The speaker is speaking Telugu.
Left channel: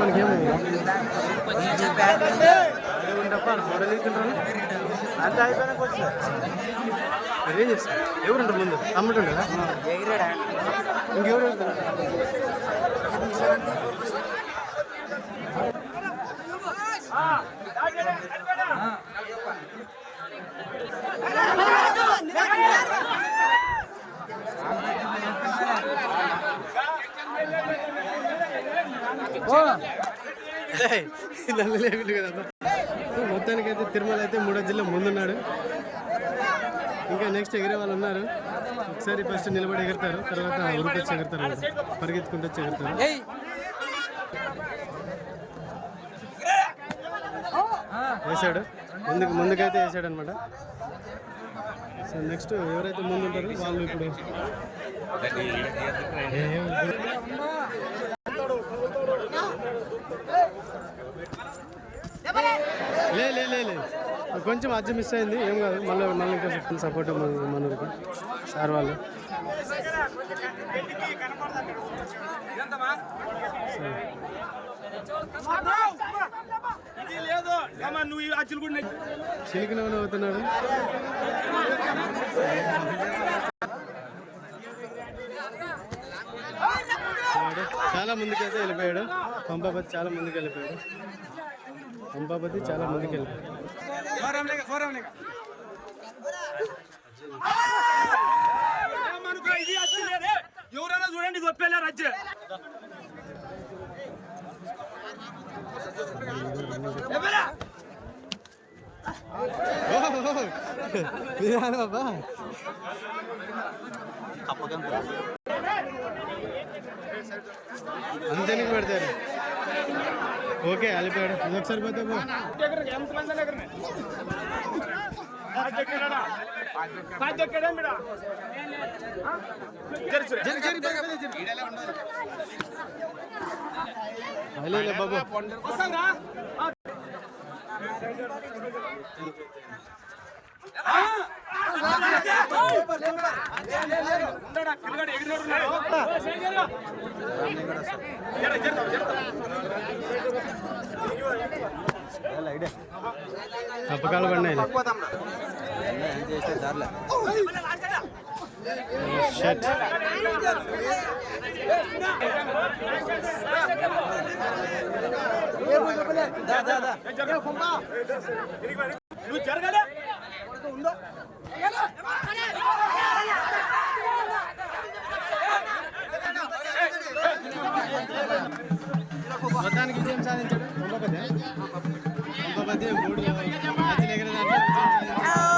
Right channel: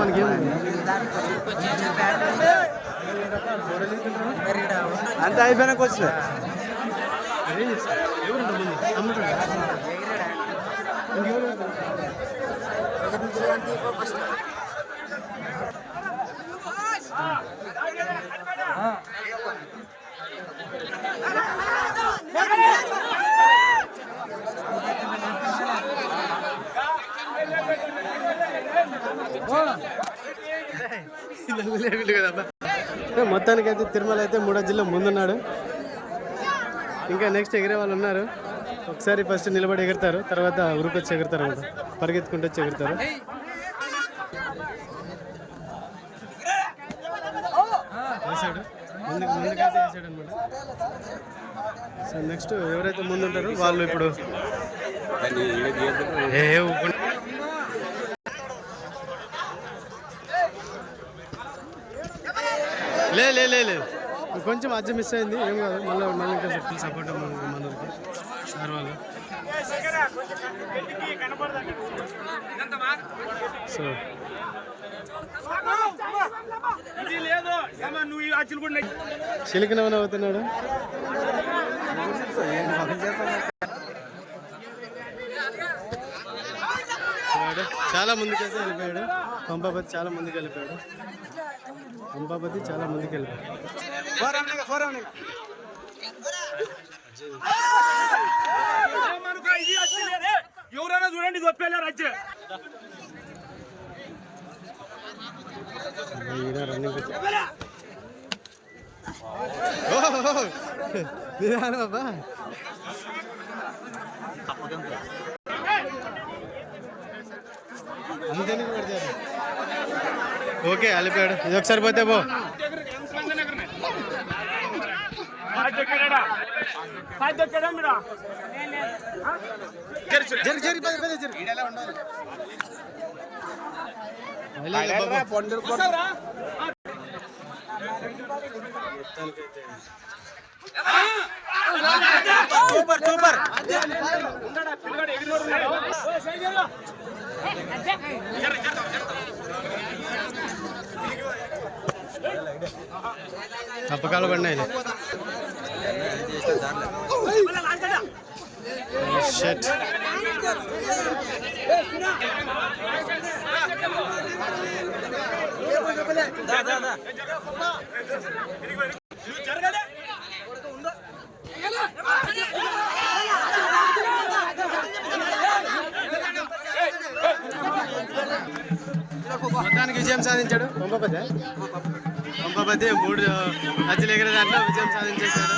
మనకేమో ఫోటోలు తీసుకుంటారా అంత అయిపోయినాక వచ్చిన ఏం చేస్తారు ఎవరుంటారు ముందు అమ్ముతుంటా ఇంకెవరు లేకుండా కదమ్మా మొత్తానికైతే తిరుమల అయితే 3వ జిల్లా ముందున్నాడు. ఇంకా నెక్స్ట్ ఎగిరే వాళ్ళు ఉన్నారు. ఒకసారి ఫస్ట్ నిలబడి ఎగురుతారు, తర్వాత ఉరుకొచ్చి ఎగురుతారు అనమాట, పరిగెత్తుకుంటూ వచ్చి ఎగురుతారు. వేసాడు ముందుకైతే వేసాడు అనమాట. సో నెక్స్ట్ ఎవరైతే ముందు ఉంటారో వాళ్ళు ఇప్పుడు లేదు కొంచెం అజ్జ మిస్ అయింది, ఏం కాదు. మళ్ళీ ఇంకా ఫుల్ సపోర్ట్ మనకి సార్ వాళ్ళు. సో చిలికినవని అవుతున్నాడు. చాలా ముందుకైతే వెళ్ళిపోయాడు పంపాపతి, చాలా ముందుకు వెళ్ళిపోయాడు పంపాపతి, చాలా ముందుకు వెళ్ళిపోయాడు. ఎవరైనా చూడండి గొప్పలేరు అజ్జ బాబా అంతేనికి పెడతారు. ఓకే వెళ్ళిపోయాడు. ఇది ఒకసారి పోతే పో. సూపర్ సూపర్ ఉండడా పిల్లగాడు ఎగిరినోడు తప్పకాలు పడినాయి. మొత్తానికి విజయం సాధించాడు పంపాపతి. 3 అజ్జలు ఎగిరే దాంట్లో విజయం సాధించేశాడు.